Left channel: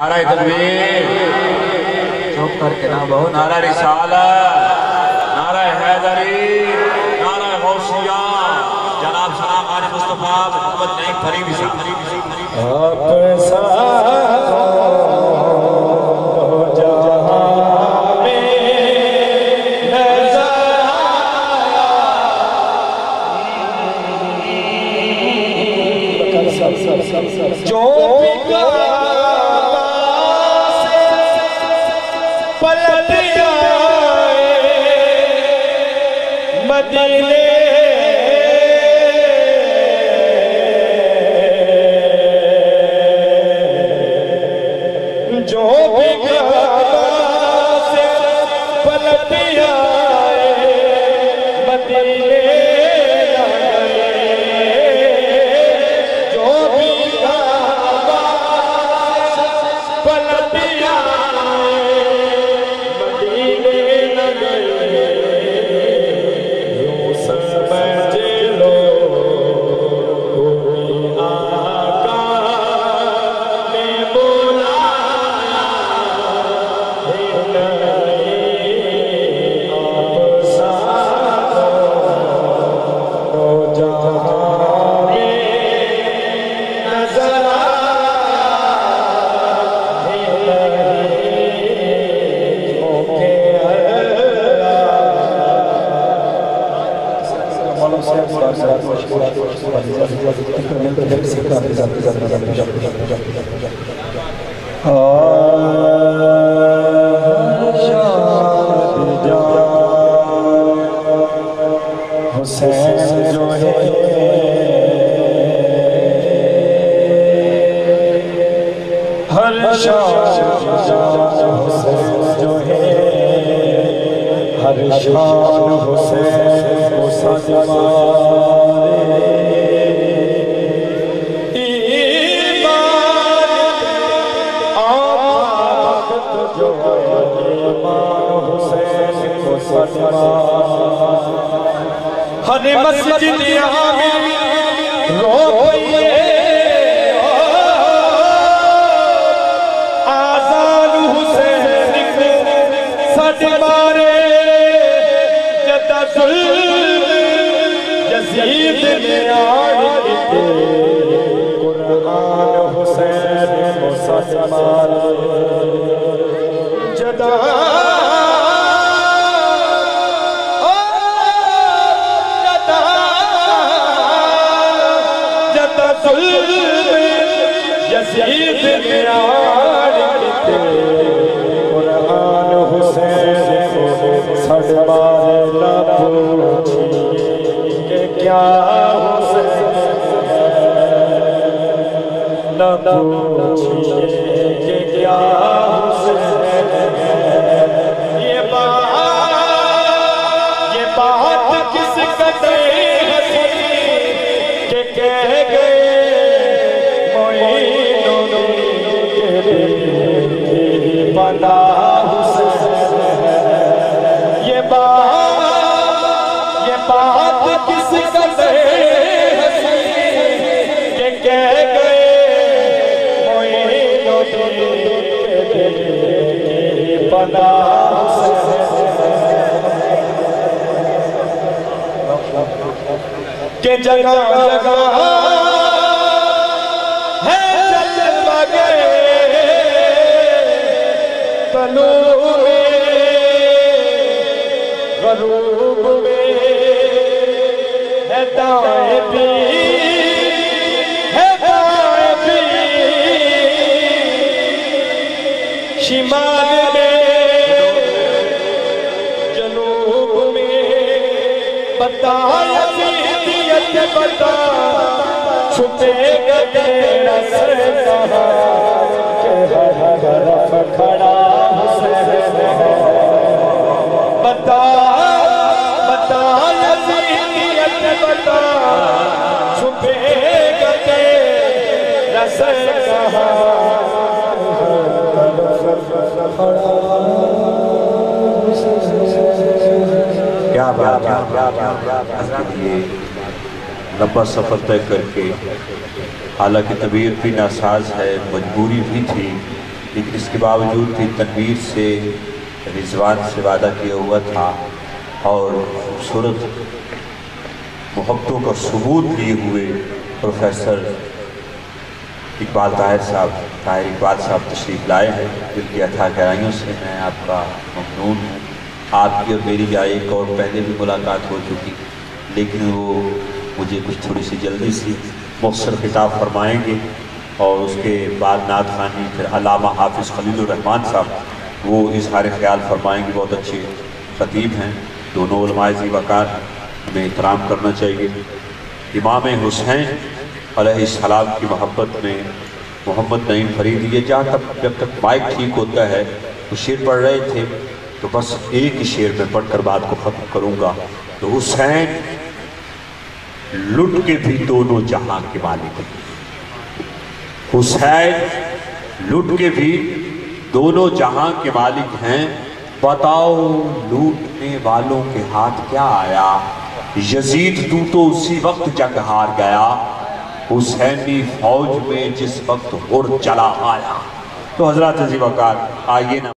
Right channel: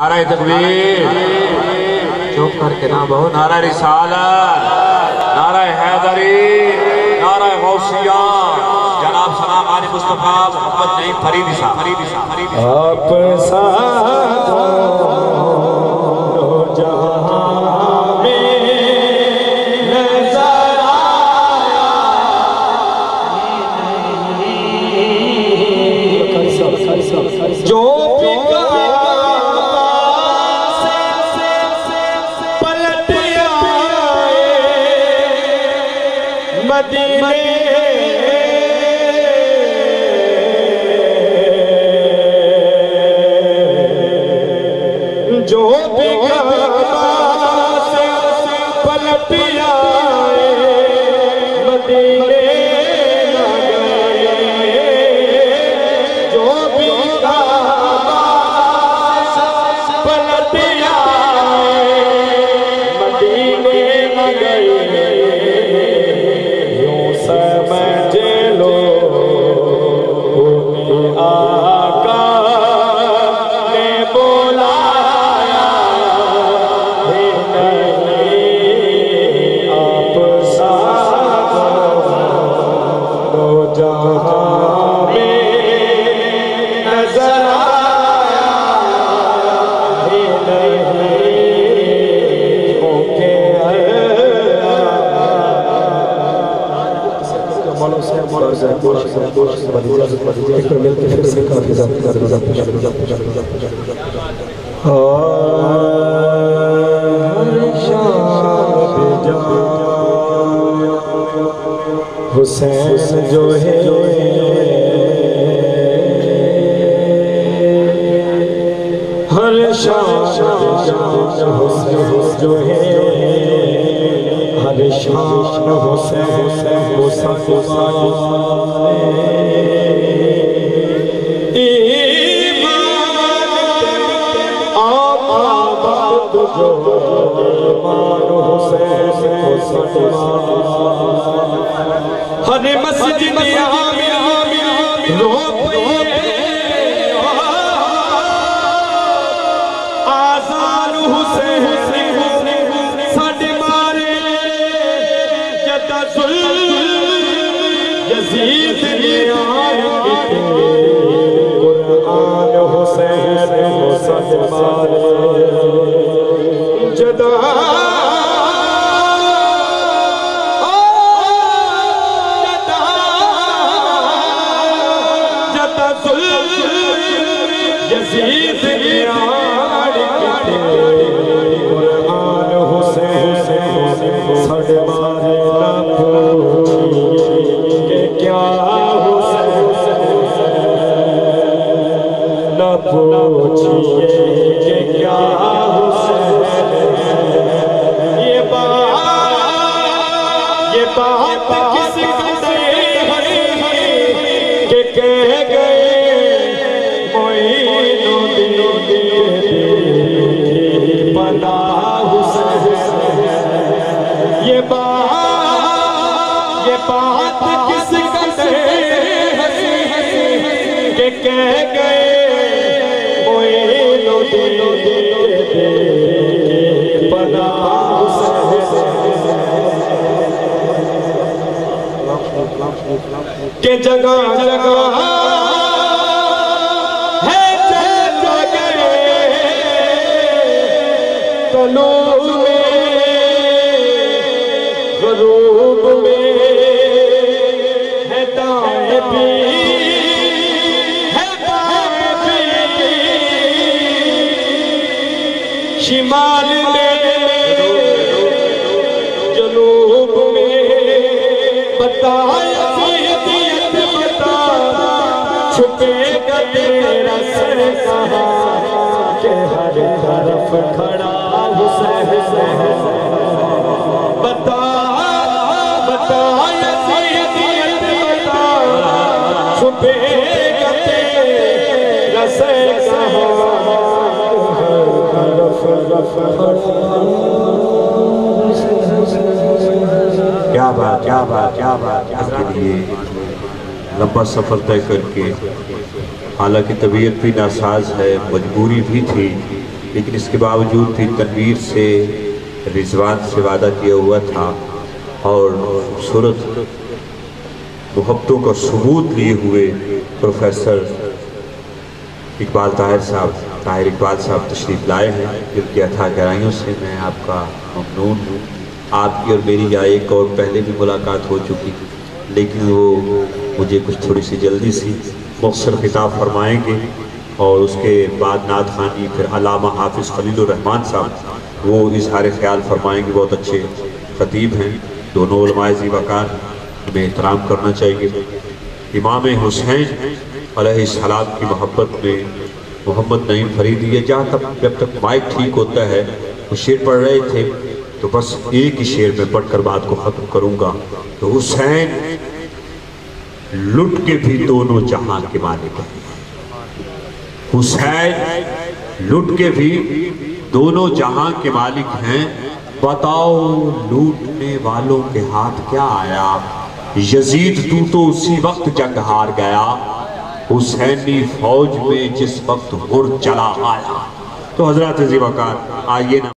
نعرہ تکبیر چوپ کر کے نہ بہو، نعرہ رسالت، نعرہ حیدری، نعرہ غوثیہ، جناب سلام آل مصطفیٰ محمد نعیم فریدی صاحب۔ آپ ساتھ ہو جہاں میں نظر آیا جو پکا پلٹ آئے مدینے جو بھی کعبہ سے پلٹ آئے مدینے نہ گئے، جو بھی کعبہ سے پلٹ آئے مدینے نہ گئے، یوں سمجھ لو انہیں آقا نے بولا حسین جو ہے ہر شان حسین جو ہے ہر شان حسین ہر مسجد یہاں میں رو پئیے آزان حسین ساڈے مارے جدا ظلم یزید نے آئے قرآن حسین ساڈے مارے جدا یزید نے آئے قرآن حسین ساڈے مارے نہ پوچھیے کہ کیا حسین نہ پوچھیے کہ کیا حسین یہ بات کس قدر کہ کہہ گئے یہ بات کس قدر کہ کہہ گئے موئینو دل پناہ کہ جگہ جگہ ہے جل گئے تنور غروب میں ہے دائیں بھی ہے بائیں بھی شمال میں جنوب میں بتا یزیدیت بتا چھپے گا تیرا سر کہاں کہ ہر طرف کھڑا حسین بتا یزیدیت بتا چھپے گا تیرا سر کہاں ہر طرف کھڑا کیا بات لمبا سفر طے کر کے، حالانکہ طبیعت بھی ناساز ہے، مجبوری بھی تھی، لیکن اس کے باوجود بھی تنویر سے رضوان سے وعدہ کیا ہوا تھا اور خوبصورت محبتوں کا ثبوت لیے ہوئے پروفیسر اقبال طاہر اقبال صاحب تشریف لائے ہیں، جن کی اتھاہ گہرائیوں سے میں آپ کا ممنون ہوں۔ آپ کی اور میری ایک اور پہلے بھی ملاقات ہو چکی، لیکن وہ مجھے کچھ تھوڑی سی جلدی سی مختصر خطاب فرمائیں گے، اور اس کے بعد نعت خوانی پھر علامہ حافظ خلیل الرحمن صاحب وہ اظہار خیال فرمائیں گے۔ بہت اچھے خطیب ہیں، دونوں علماء ذی وقار، ہمیں احترام کرنا چاہیے۔ امام حسین علیہ السلام کی محبت میں محمد نعیم فریدی، یہ جب تک مائک ٹھیک ہوتا ہے، وہ شعر پڑھ رہے تھے، تو بس ایک ہی شعر میں پڑھ کر بات کو ختم کروں گا۔ تو حسین لٹ کے بھی دونوں جہاں کے مالک ہیں، حسین لٹ کے بھی دونوں جہاں کے مالک ہیں، بتاؤ لوٹنے والوں کے ہاتھ کیا آیا، یزید تو اسی وقت جنگ ہار گیا، حسینی فوج میں جس وقت غر چلا آیا۔ تو حضرات ذی وقار آئیے نا۔